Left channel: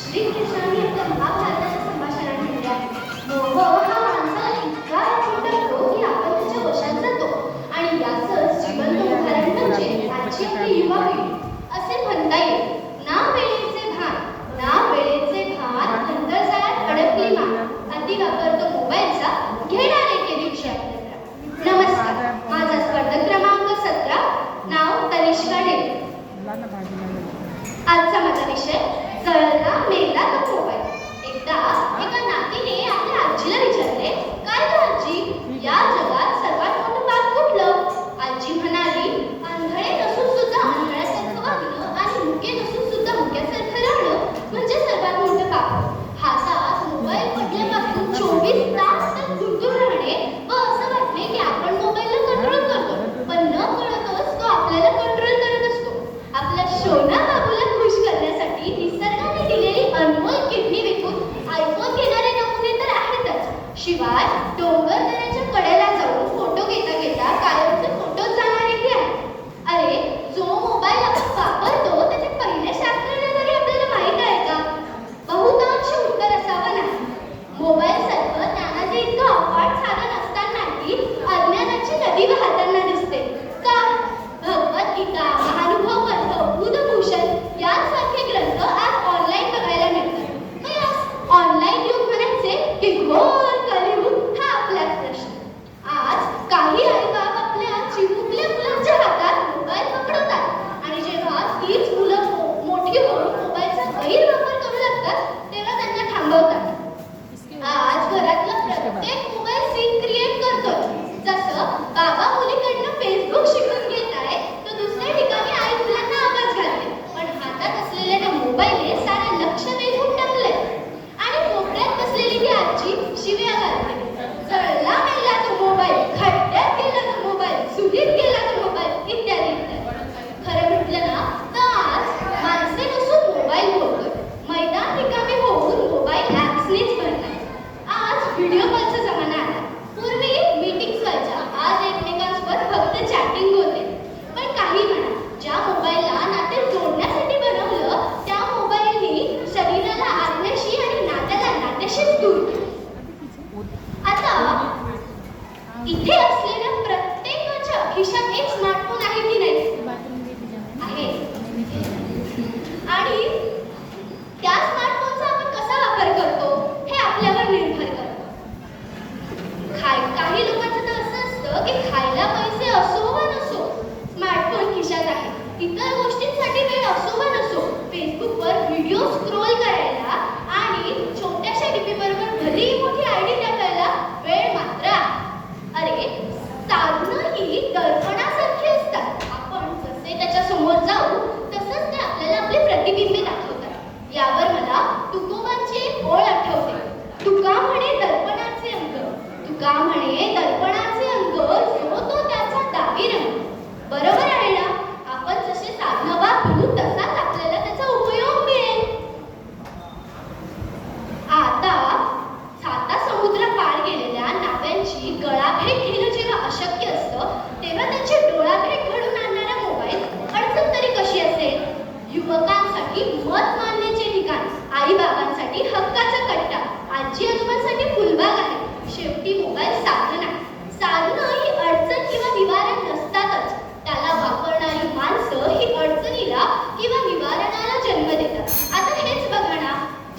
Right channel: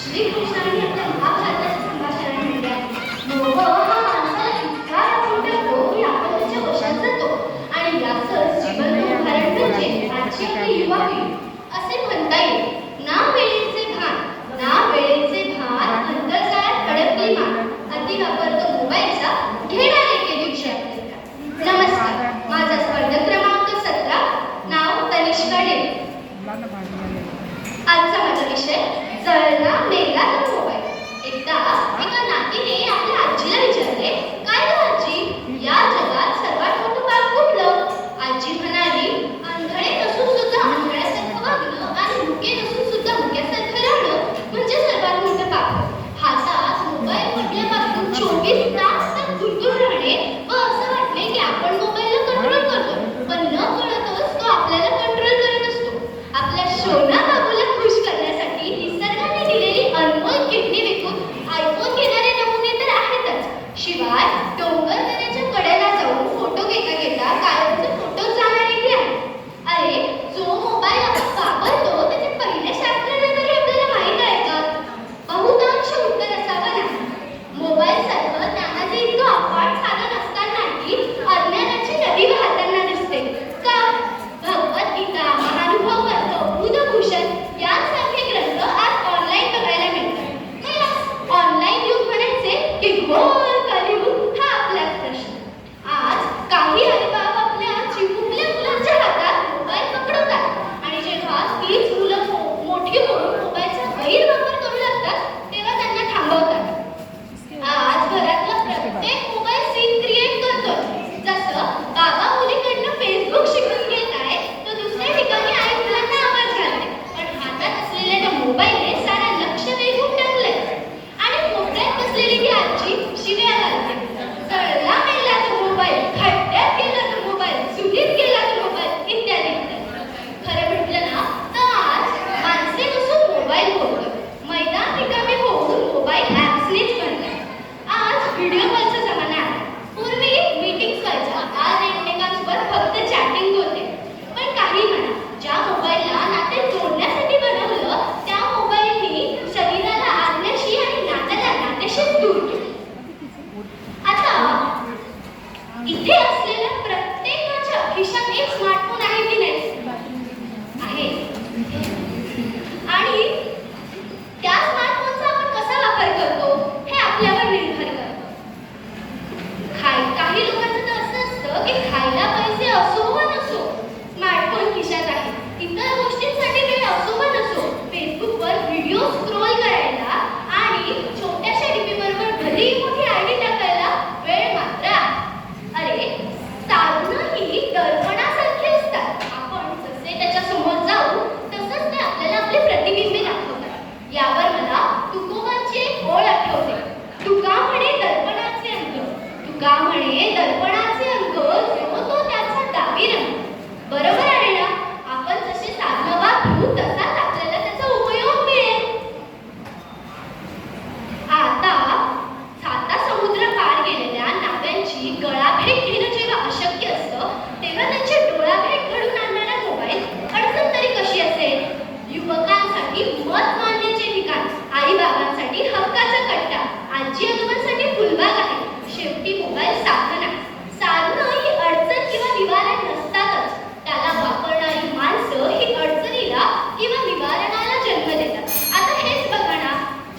श्रीकृष्णाने आपल्या महाभारताच्या संभाषणात म्हटले आहे, मोह हा माणसाला इतका राहून टाकतो की आपण त्याच्या वशात जातो. आणि याचं जिवंत उदाहरण म्हणजे आजची आपली युवा पिढी. असे म्हणता येईल, ना वेळेचे भान अंतर्जाळात अडकली मान, अति वापर तो मोबाईलचा घेणारे केली विषयात. नमस्कार, माझा स्पर्धक क्रमांक 17, नाव तनिष्का डेरे. आजचा माझा विषय जळला मेला तो मोबाईल. एकदा एका नातीने आपल्या आजीला विचारले, काय ग आजी, या जगात सर्वात मोठं पाप कुठलं? आजी म्हणाली, अंधळे नसून सुद्धा अंधळ्यासारखं वागणं आणि मुके नसून सुद्धा मुक्यासारखं राहणं म्हणजे सर्वात मोठं पाप. हातात मोबाईल पडल्यापासून 24 तास त्यात गुंतून राहणे व असं वाटणे की आपण मोबाईलला कंट्रोल करतो, पण न कळतच तो आपल्याला कंट्रोल करत असतो. आपल्या शोना बाबूला खुश करण्यासाठी निसर्गाने दिलेली अनमोल किडनी विकून आयफोन घेणारे नमुने तर आहेतच. शिवाय डोंगर दऱ्याच्या कडेला जाऊन फोटो घेता घेता कायमचे फोटो जाणारेही आहेत. अरे, जो मोबाईल आपण वापरतो त्याचे पहिले शास्त्रज्ञ तरी आपल्याला माहीत आहे का? बहुतांश उत्तर असावं नाही. मोबाईल सारखं ज्ञानाचे इतकं अफाट साधन असतानाही अज्ञानाची नदी वाहताना दिसते का? भगवद्गीता, महानुभव ग्रंथ, बुधभूषण यांसारखे ग्रंथ आज ऑनलाईन बघायला मिळतात. मग यास ऑनलाईन युग म्हणायचे की घोर कलियुग, हा आपलाच प्रश्न. आज काही आईबाप आपल्या चिमुकल्या मुलांच्या हातात मोबाईल पकडवतात आणि जेव्हा तीच मुलं मोठी होऊन मोबाईलचा गैरवापर करू लागतात तेव्हा त्यांना थांबवतात. आज घरातला प्रत्येक मोबाईल सीन क्रिएट करतोय. जसं बाबा मुलीकडनं फेसबुक शिकून घेत आहे तर दुसऱ्या ठिकाणी आई मुलांना आवाज घालते, पण हातात असलेल्या त्या मोबाईलने सारा लक्ष वेधून टाकलंय. आणि कोपऱ्यात बसलेली ती आजी शिव्या घालते, जळला मेला तो मोबाईल, खड्ड्यात गेला तो मोबाईल, चुलीत गेला तो मोबाईल, इत्यादी इत्यादी. खरं म्हटलं ना तर आज माणसे नसून मोबाईल बोलतोय. मैदान रिकामे होऊन मोबाईल ॲप्सनेच भरलाय. आज व्हिडिओ कॉलचा जमाना आहे. पूर्वी मीटिंग्स व्हायच्या, आज एकमेकांसोबत फक्त चॅटिंग होते. पण काही म्हणा, ज्या मोबाईलला नाते जोडण्यासाठी बनवलं त्या मोबाईलनी शरीराला आज्ञाशी आणि नात्याला नात्याशीच दूर केलं. आता इथे असलेल्या प्रत्येकाच्या खिशात एक स्मार्टफोन आहे की नाही? आहे. आणि त्या स्मार्टफोनचा आपण कसा वापर करतो हे आपल्यावर निर्भर करतं. काही लोकांचं तर असं असतं की खायला पैसे असो वा नसो, स्मार्टफोन खिशात आहे. इतर गोष्टींसाठी वेळ असो वा नसो, फेसबुकवर व्हिडिओ स्क्रोल करायला आणि छोट्याशा डीपी बरोबर भली मोठी आयडी टाकायला वेळ मात्र आहे. अरे, साधनं ही दर्पणासारखी असतात. आपण जसे त्याच्या समोर जाऊ तसंच ते आपल्याला आपले प्रतिबिंबे दाखवतात. यावर मला तुकोबांची एक ओळ आठवते. तुका म्हणे दर्पणाचे अंग, तुका म्हणे दर्पणाचे अंग, जो तो त्याचा डावी रंग. बरोबर आहे ना? आपण जसे साधनं वापरू तसाच आपल्याला त्याचा उपयोग मिळेल. आता साता समुद्र पार गेलेल्या नाव्यांची गळाभेट घेणं जेव्हा अशक्य असतं तेव्हा त्यांची डोळाभेट घडून आणणारा मोबाईल अडचण तरी कशी असेल? युवकांसाठी मत मानण्याचे ठिकाण, आई बाबांसाठी हक्काचा कट्टा, आजी आजोबांसाठी फुलबाग आहे. शेवटी मोबाईल साधन आहे. साधनं ही अडचण किंवा निवारण नसतातच. त्याला वापरणारी माणसं ही अडचणीला किंवा निवारणाला जन्म देतात. आता हेच बघा ना,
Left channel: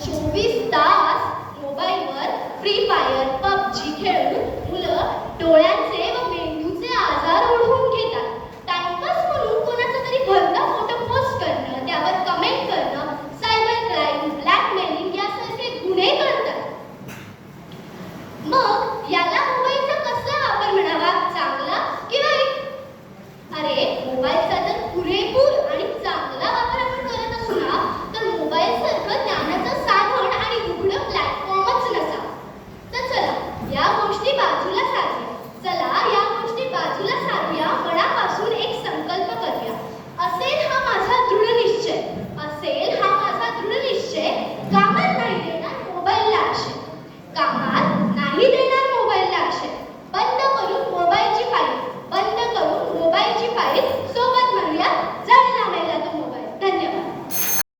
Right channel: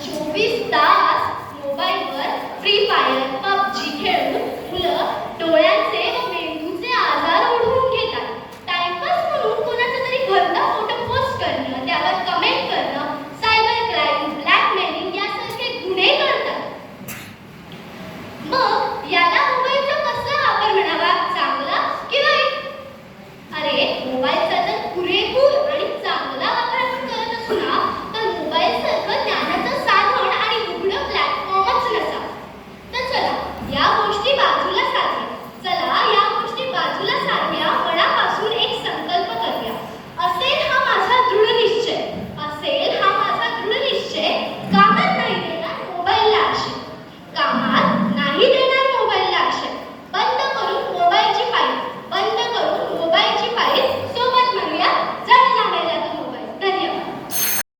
24 तास मोबाईलवर फ्री फायर, पबजी खेळून मुलं डोळ्यांचे व मेंदूचे आजार ओढवून घेतात. टाइमपास म्हणून कोणाचा तरी भलता फोटो पोस्ट करणं, त्यावर कमेंट करणं, सायबर क्राईम, ब्लॅकमेलिंग यासारखे गुन्हे करतात. मग याला मोबाईलचा कसा वापर म्हणावा, चांगला की वाईट? अरे, मोबाईलचा जर पुरेपूर